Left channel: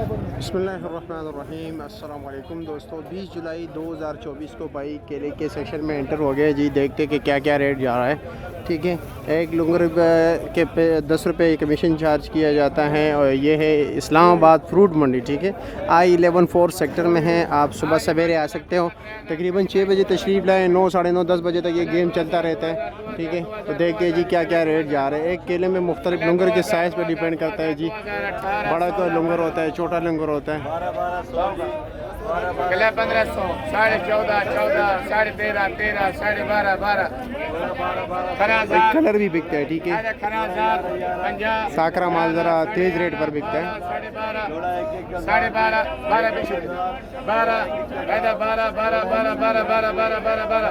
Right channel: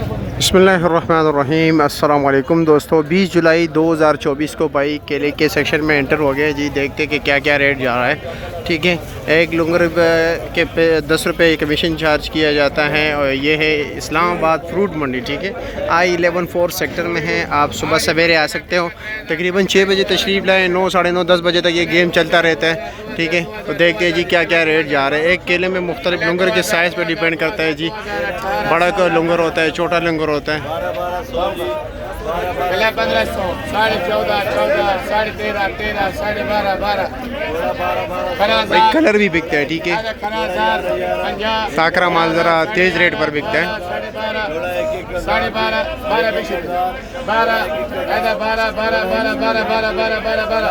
बिस्मिल्लाहिर्रहमानिर्रहीम। अस्सलाम वालेकुम दोस्तों, 20 जुलाई 2024 को भाई केले के सेक्शन में एंटर हो गए जी। देखते कि क्या क्या रेट जा रहा है। ठीक है, एक लुंगर के पे 10 रुपये कमीशन चार्ज किया जाता है और ये है इस्लामाबाद फ्रूट मंडी। ठीक है, I11 4 सेक्टर में है। आप सुबह सवेरे आ सकते हो, तकरीबन 6 बजे तशरीफ़ लाएँ। 9 साढ़े 9 10 बजे तक ये गेम चलता रहता है। ठीक है, तो देखते हैं जी क्या क्या रेट जा रहे हैं। एक केले में मुख्तलिफ लुंगर के साइज़ पर डिपेंड करता है जी। बड़ा का लुंगर होता है, छोटा लुंगर होता है। 1500, 14.5, 14, 13.5, 13, 12.5, 12, भाई कलर भी बिकता है। ठीक है, 50, साकरा माल ज़रा तेज़ रेट पर बिकता है। 12.5, 12.5, 12 बिकते 12, 12, 12, 12, 12, 12, 12, 12, 12, 12,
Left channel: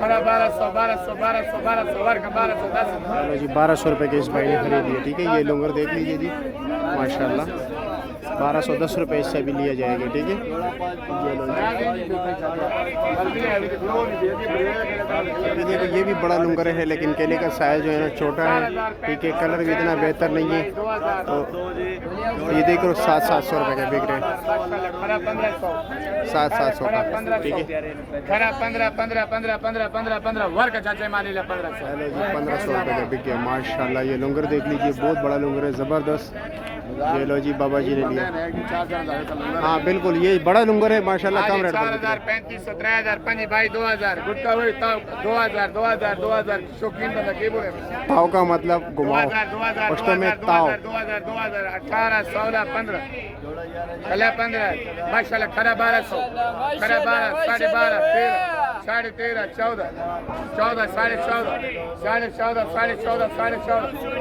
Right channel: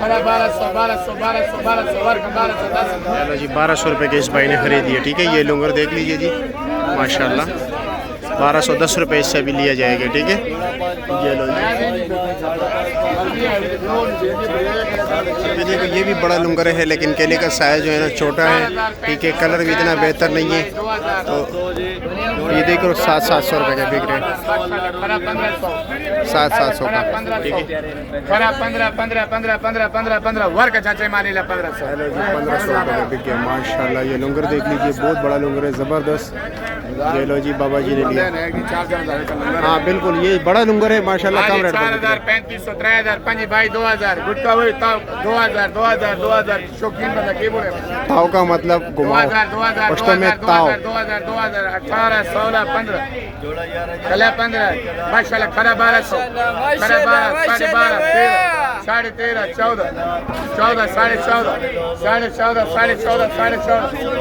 खरा 1200, 1200, 1200, 1200, वर्ग 1210। चलो जी, 1200 रुपये के इस भाई ने ख़रीद दिया। ठीक है, ये लुंगर देख लीजिए जी, माशाल्लाह 1210 रुपये इससे भी लिया जाएगा। ठीक है, ये लो जी। ये देखो, ये भी बड़ा लुंगर है, लेकिन केले का साइज़ जो है ना छोटा है। ठीक है, कलर भी इतना बेहतर नहीं है। तो ये देखो 700 रुपये के बिक रहे हैं, 700 का। ठीक है, 15, 15, 15, 15, 15, 15, वर्ग चाचे मानी ला 1500। चलो जी, 1500 रुपये का बिक गया माशाल्लाह। ये लुंगर देख लीजिए, बहुत बड़ा लुंगर है, ज़बरदस्त। ये लो जी, बाबा जी ने लिया। हाँ बिल्कुल, ये बड़ा लुंगर है माशाल्लाह। कम रेट पर 4000, 3500, 3000, 5 भाई 2000, गुटका वही 2000, 2000, 2000, शौकीन बंदा के बोले ताव का मतलब घुमाओ, 2000, पश्तो में ताव। 2000, 2000, 18, 16, 15, 15 माशाल्लाह। खरा 1200, खरा 12, 12.5, 13, 13.5, 14, 14, 14.5, 14.5, 14.5, 14.5,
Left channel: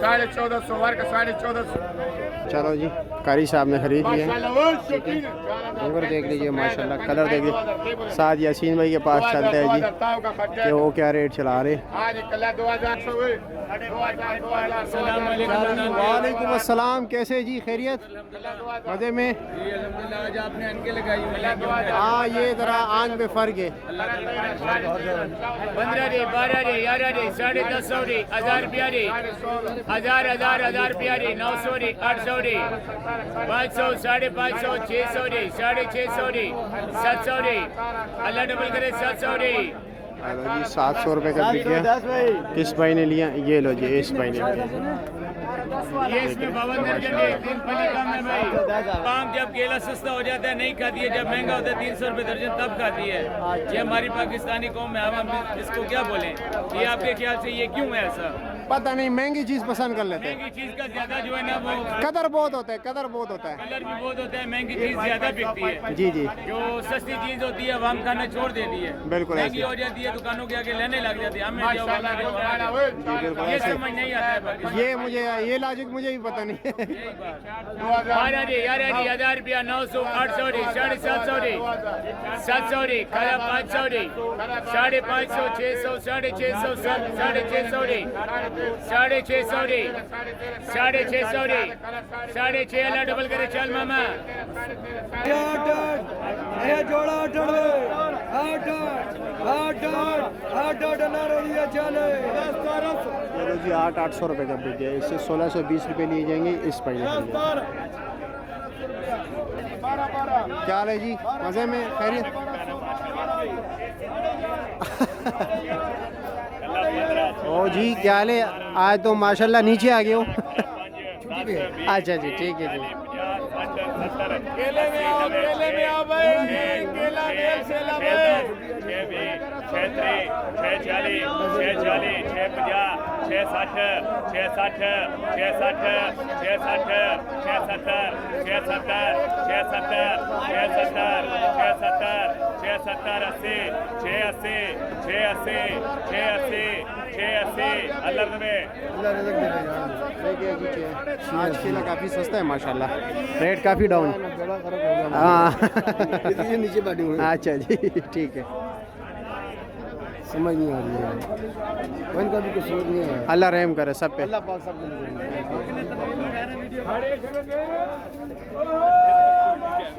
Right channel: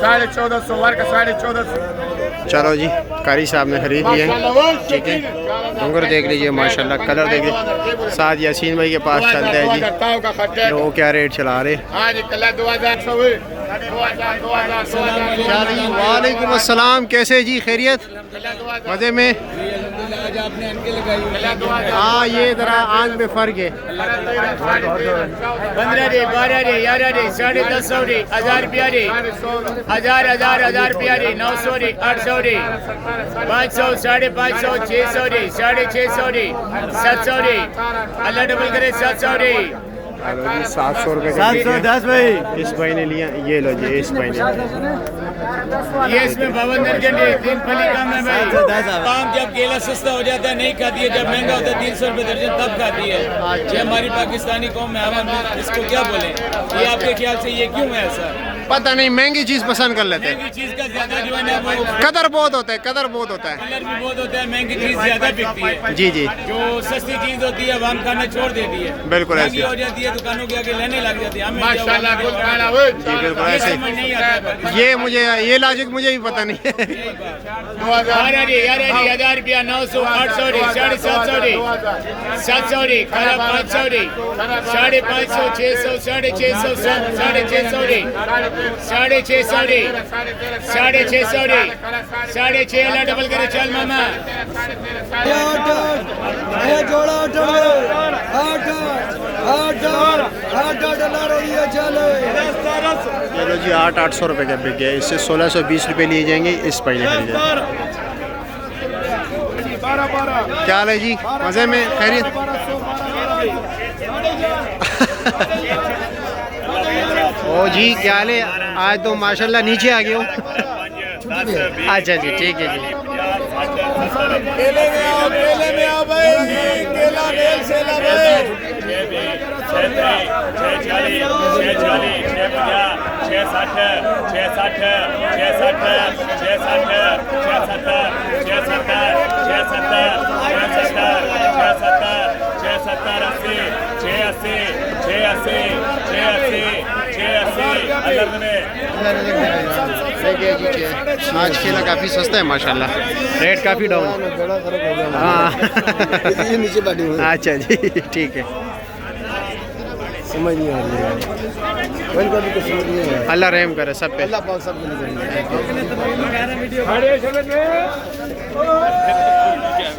14.5 वर्ग 14.5। चलो जी, कारी साहब ने खरीद लिया। ठीक है, लुंगर देख लीजिए माशाल्लाह, कलर देख लीजिए। साथ यासीन भाई के पास चलते हैं जी, ये वो क्या रेट चला रहे। वालेकुम अस्सलाम, कैसे जी, खैरियत, मज़े में। हाँ, ये ज़रा आंख में फ़र्क है। 15 रे, 12 रे, 11 रे, 1050 रे, 1000 रुपया रे, 1000 रुपया रे, 900 रे, 800 रे, 500, 550, 600 रे, 650 रे, 700 रे, अल्लाह डबल करे 700 रे। हेलो जी, 700 रुपये का बिक गया। इस भाई ने लिया, ये लो जी, इस भाई ने। ये इसमें 52 दर्जन है, 3 फली कम है भाई। काम जब केला सस्ता हो जाता है नहीं खाती है, जब महंगा होता है 300 रुपये दर्जन तब खाती है। ये हमारी पाकिस्तानी कौम में हम इसको क्या बोलें, ये आपके ख्याल से ये क्यों है ऐसा? पता नहीं, महंगी चीज़ पसंद कर लेते हैं। महंगी चीज का ज्यादा जो है ना वो कदर बहुत होता है, कदर बहुत होता है। कलर भी बहुत होता है, महंगी चीज ज्यादा बिकती है। जी जी, जो सस्ती चीज होती है वो हम खाना छोड़ देती है, बिल्कुल महंगी ऐसे। हो जाती है, दुकानों के आगे लेने लग जाती है। हमें जी बिल्कुल ये ऐसे। समझ नहीं आता है। ये मुझे, ये लॉजिक मुझे भी पता नहीं है। 12 रे, 11 रे, 1000 रुपया, 900, 800 रे, 750 रे, 700 रे, खरा 500 रे, 550, 600, 650, 650 रे, 650 रे, 650 रे, 6.5 अल्लाह डबल करे चल मामा। चलो जी, 800 रुपये का बिक गया। इससे 1620 रुपये लिए जाएंगे। इस भाई ने खरीदा। क्या हाल है जी, मज़े में, खैरियत। ओ जी, क्या हाल है, आज तो माशाल्लाह नीचे आ गए हो। अच्छा जी, ठीक है जी। केले में आओ भाई, केला मेल से ला भाई। 640, 650, 660, 660, 660, 660, 670, 670, 670, 670, 670, 80, 680, 680, 680, 680, अल्लाह में। देखिए जी, आज केला काफ़ी सस्ता है माशाल्लाह, रेट काफ़ी डाउन। हाँ अच्छा जी, ठीक है, समझ नहीं आ रही है, कभी कभी तो समझ नहीं आ रहा है। अल्लाह रहम करे सब पे। अल्लाह पाक सब को नहीं करेंगे।